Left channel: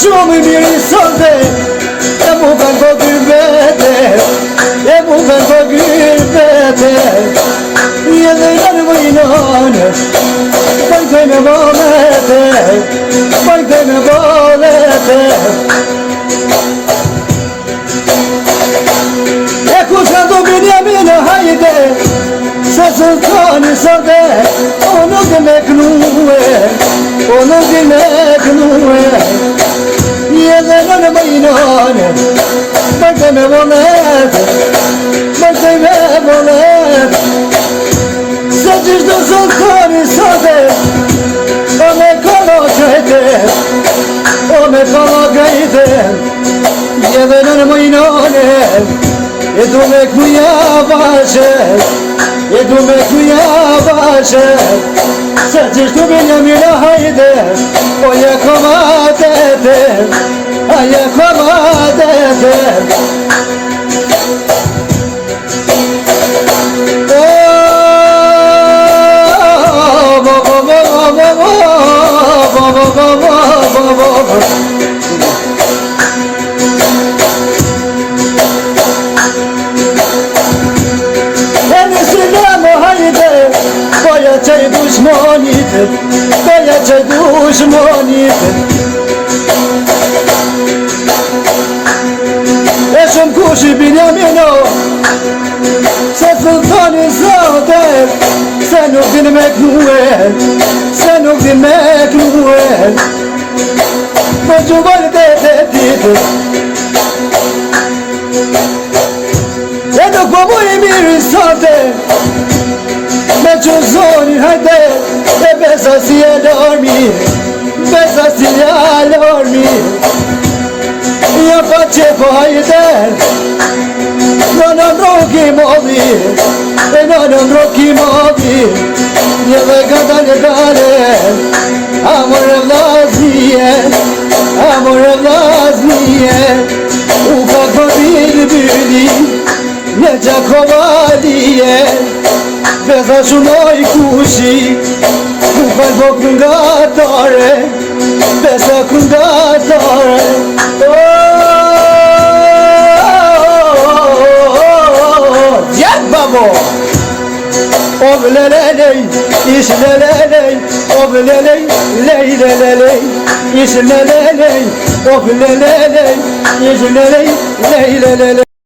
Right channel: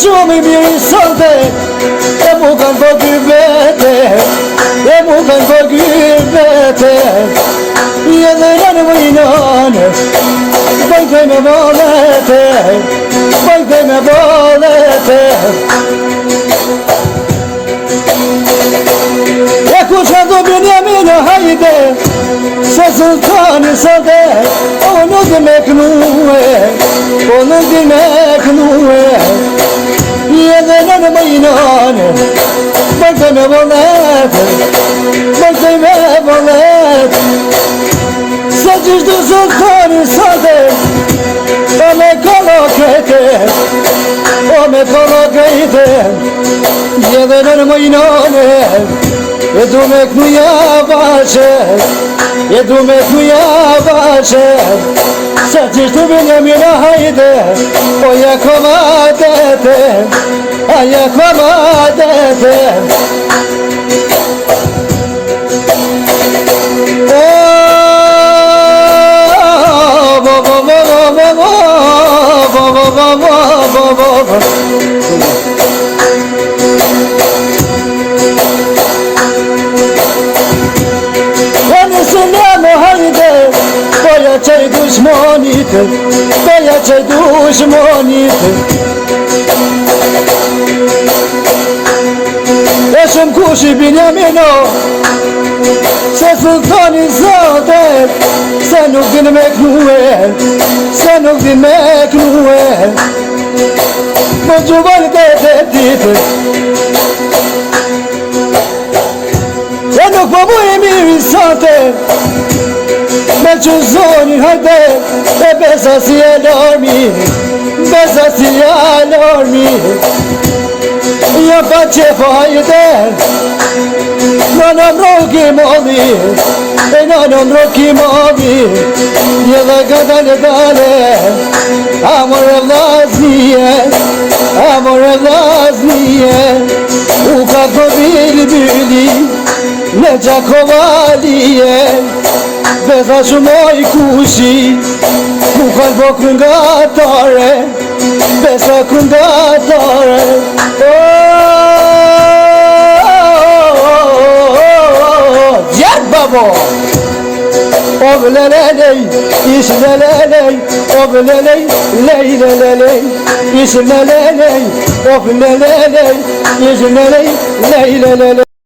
Shumë i mirë i sote, e mu kanë të gjybete, e mu kanë të gjybete, i edhe në mëjnone, bëjte me bolete, bëjte me bolete. E ku që do Benjamine hajde, se sultani sote, o nuk i me knue, o nuk i me knue. Edhe në mëjnone, bëjte me bolete, bëjte me bolete. Se gjithë do sultani sote, o me kolo krejte, o me kolo krejte. Edhe në mëjnone, e du me knuja bashe, e du me knuja bashe. Se gjithë Benjamine hajde, o ja komatete, a ja komatete. Qaj dushmonit, beja qaj dushmonit. E shumë kush i Benjamino, se sultani zote, se nuk din me knue, se nuk din me knue. Mo gjuvojt e të titë, e nuk po mu i mirë i sote, me që zoni hajde, e besa si e lormi, besa si e lormi. Ja pa që po hajde, në ndroki modi, e në ndroki modi. Një dhe këta në dale, amore vlaznije, amore vlaznije. U ka këpili byli, në Gjakovalije. Besa shumë i kushi, mu kanë bo këngatare, besa këngatare. Gjep babo! O vlelelej, ish lelelej, o vlelej, lej lelelej, ish lelelej, o vlelelej, ish lelej, lej lelelej.